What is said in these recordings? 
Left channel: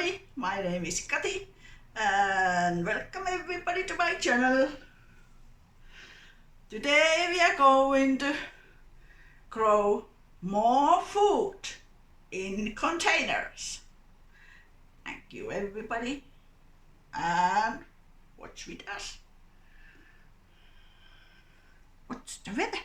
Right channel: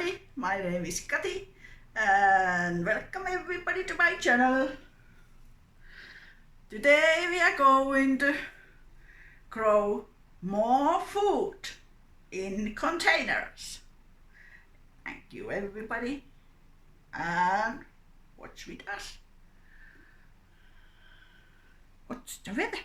everybody, my name is Kati and welcome everybody to my channel. Today we are going to grow more food in containers. Thank you everybody and watch with us. What's the weather?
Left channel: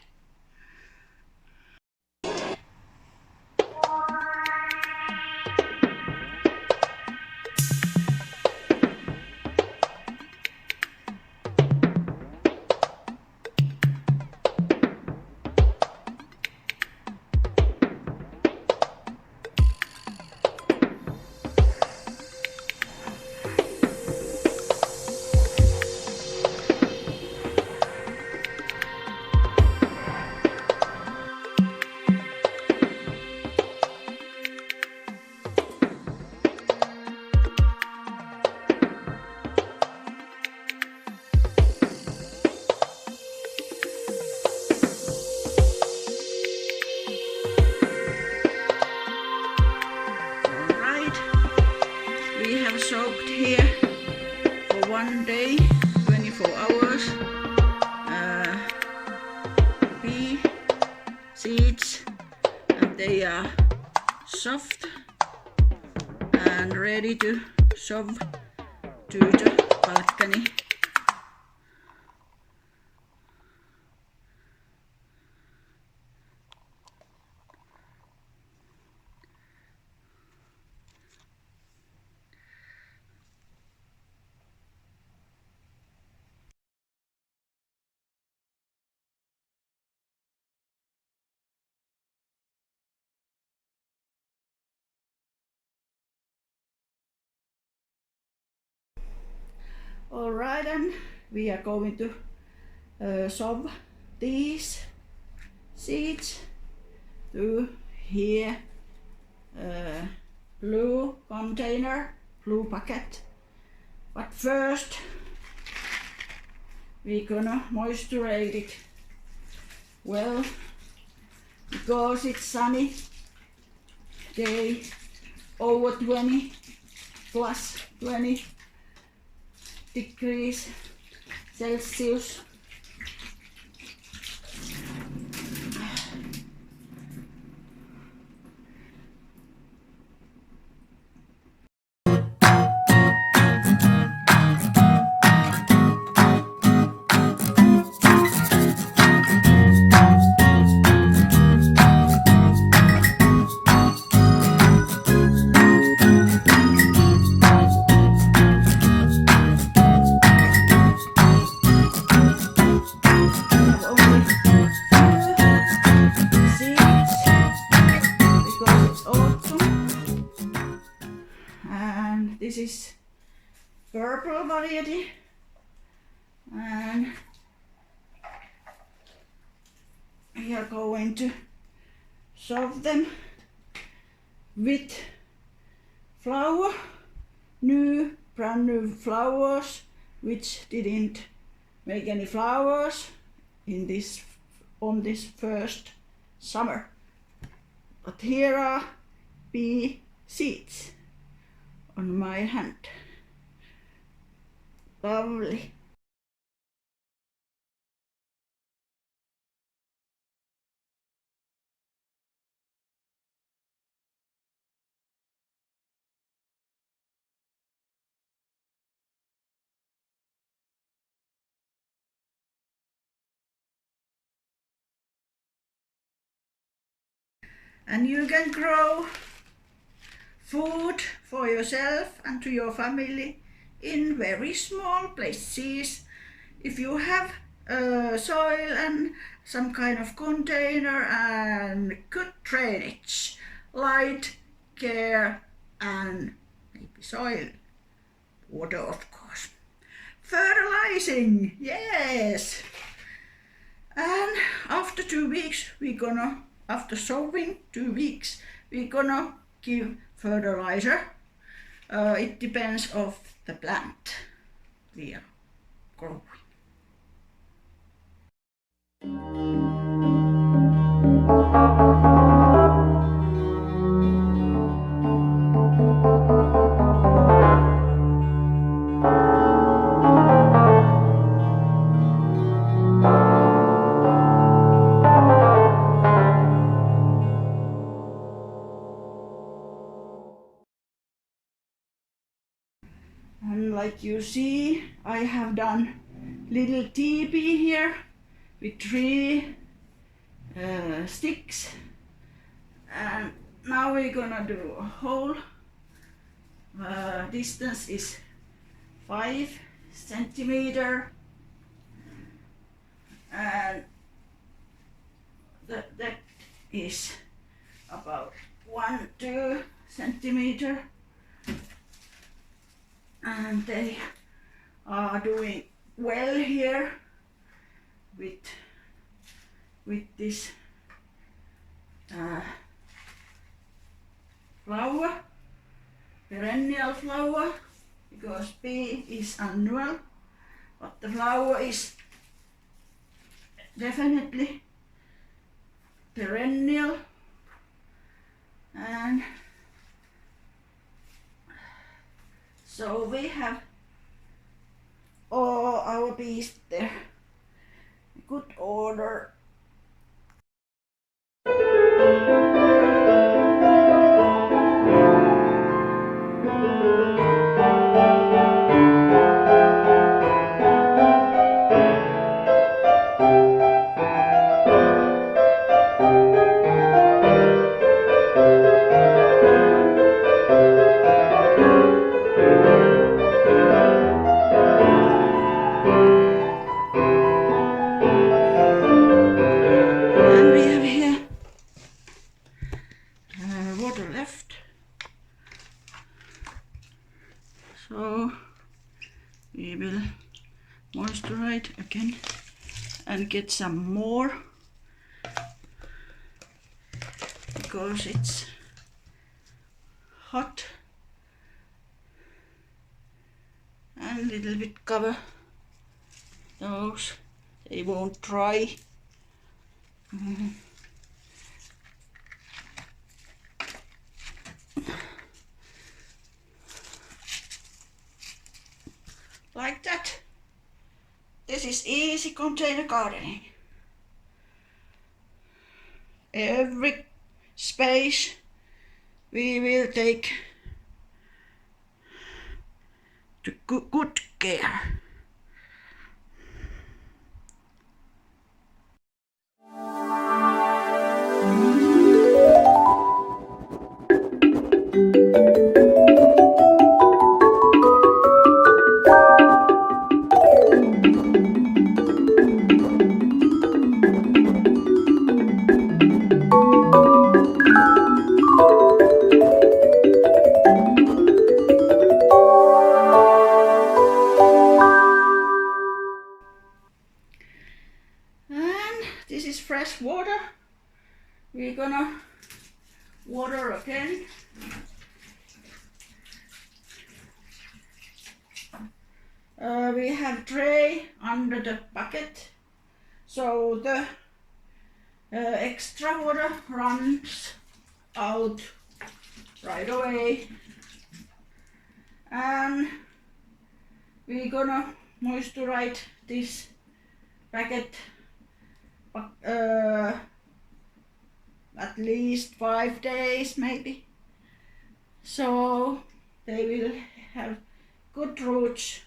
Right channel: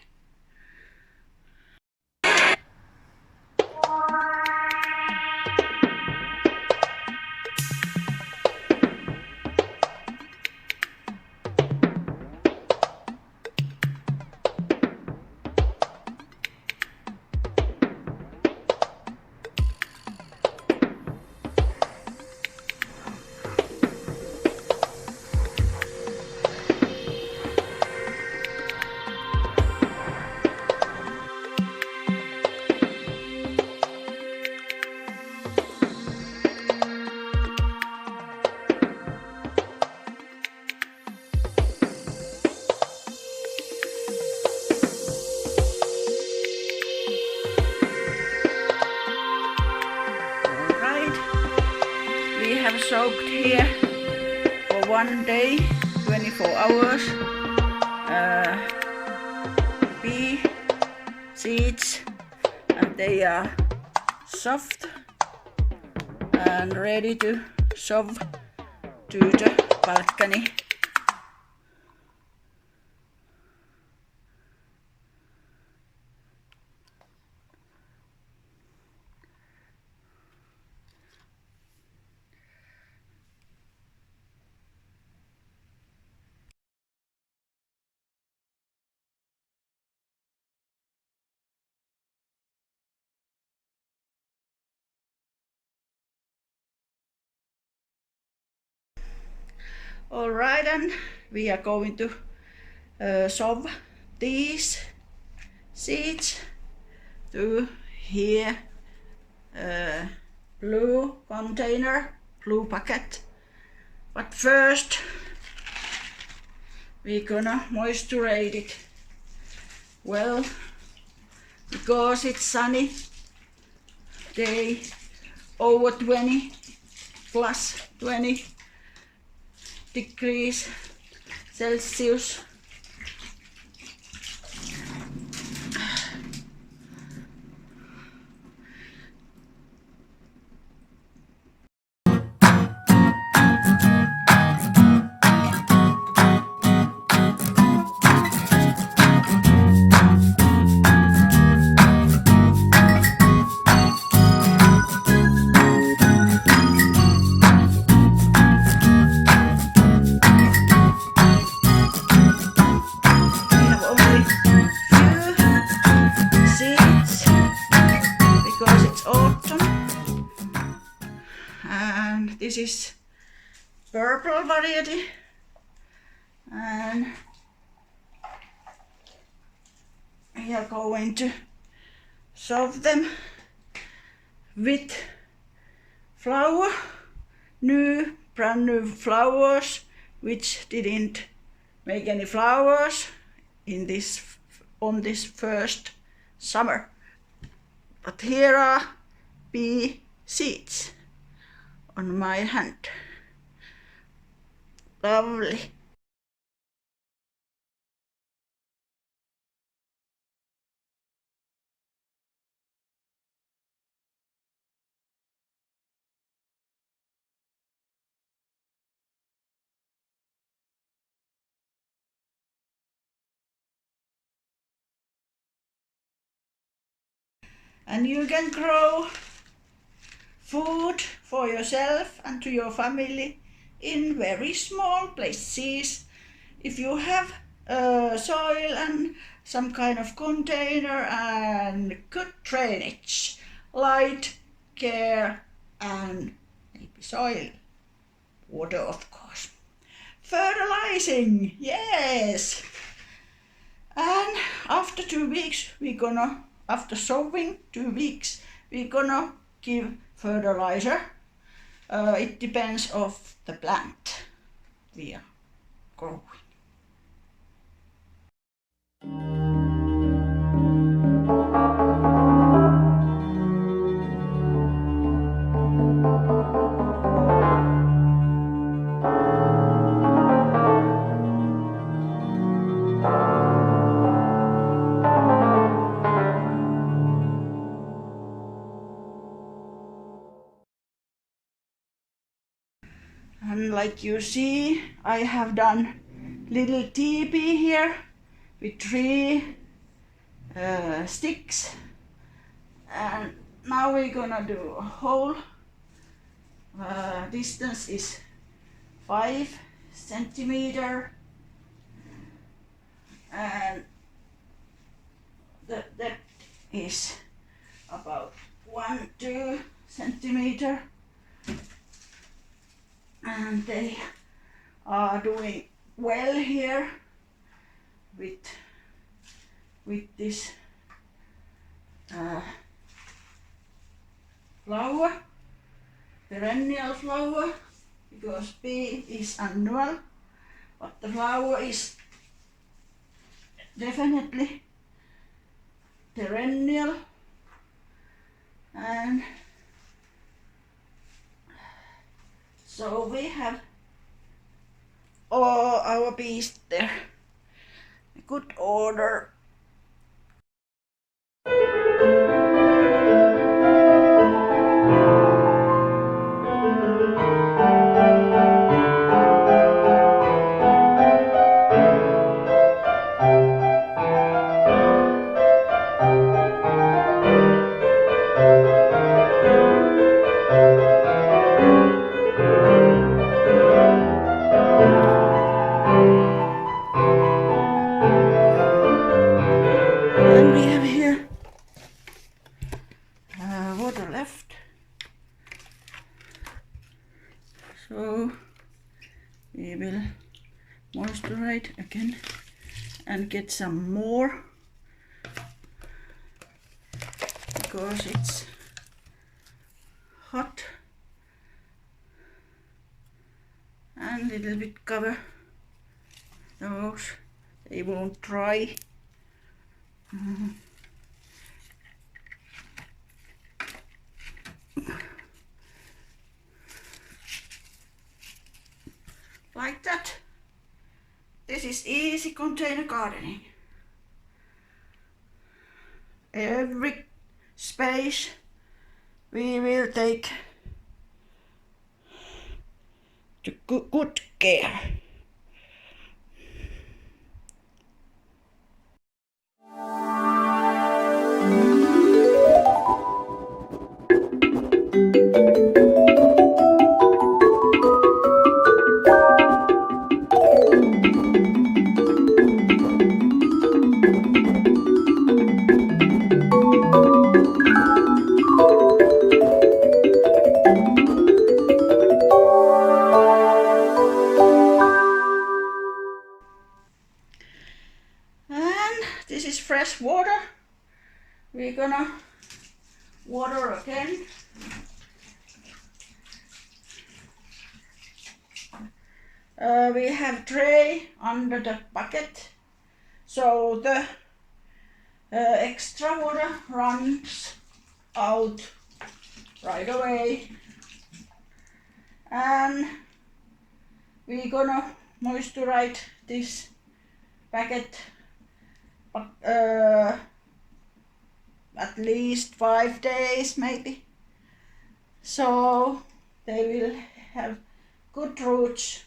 Alright, we have soaked here for 1 day, 24 hours, pea seeds, and they are soft and ready to shove to the balcony. Alright, and we are going to shove these seeds to here, blue container, blue packet. But first we're gonna moisture it well, because it's sunny day, over 20 plus 20 degrees Celsius. This is purple variety, and we are going to shove them with flower, brand new flowers, which didn't make any flowers on this first summer. But here are pea seeds on my hand. Lovely. And you can grow food for yourself and to your family in very small places. If you have soil and some kind of container and good drainage, light, care, and maybe soil, water of course. Fertilizing, yes. And after 2 weeks, after sowing 2 weeks, we're gonna give fertilizer. It depends of the plant we are growing. And like you see, I have done little teepee here with 3 sticks, and now we're gonna do a hole. Distance is 5 centimeter, and the depth is about 1-2 centimeter, and they are doing well here with this flower, perennial flower, because pea is annual, but the flower is definitely perennial. And so we have all our bees there, good order. And we have here water left, so we will moisturize again and get some more, because it's hot, and a little bit cover those, they won't dry. Like that. This is easy container gardening. Every space we will take to good care. This is fresh water. We're gonna water again. We have tray under the bucket, so the extra water runs out right away. And we're gonna moisturize this bucket at least 5 days maybe, so they will have good roots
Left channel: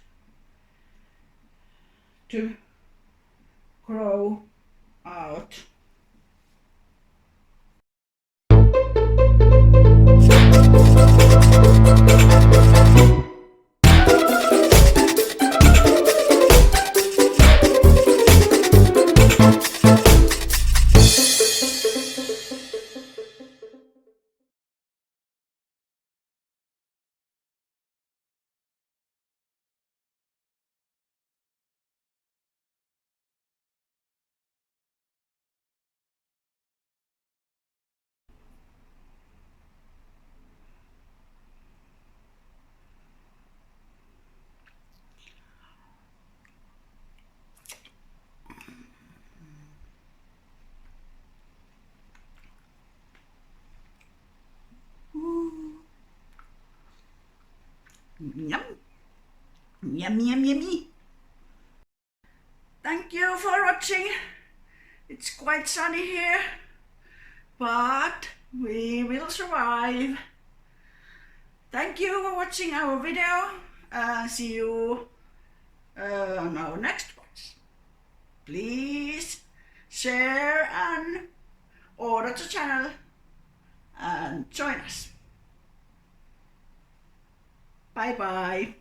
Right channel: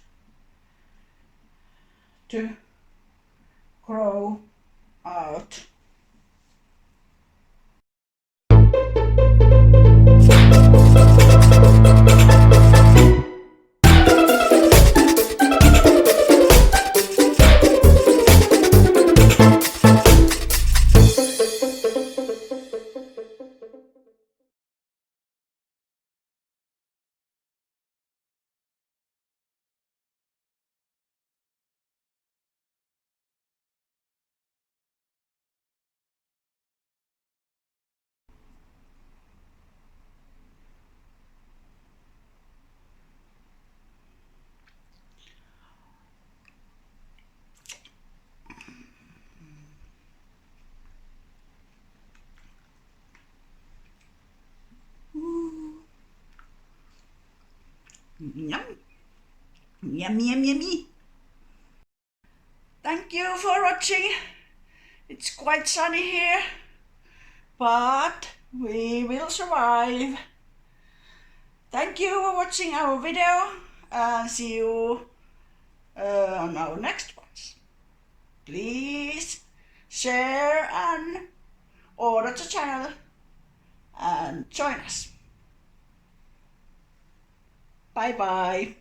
to grow out. Yum. Yummy, yummy, yummy. Thank you. you for watching. It's quite sunny here, but we will survive. Thank you for watching our video and see you on our next one. Please share and order the channel and join us. Bye bye.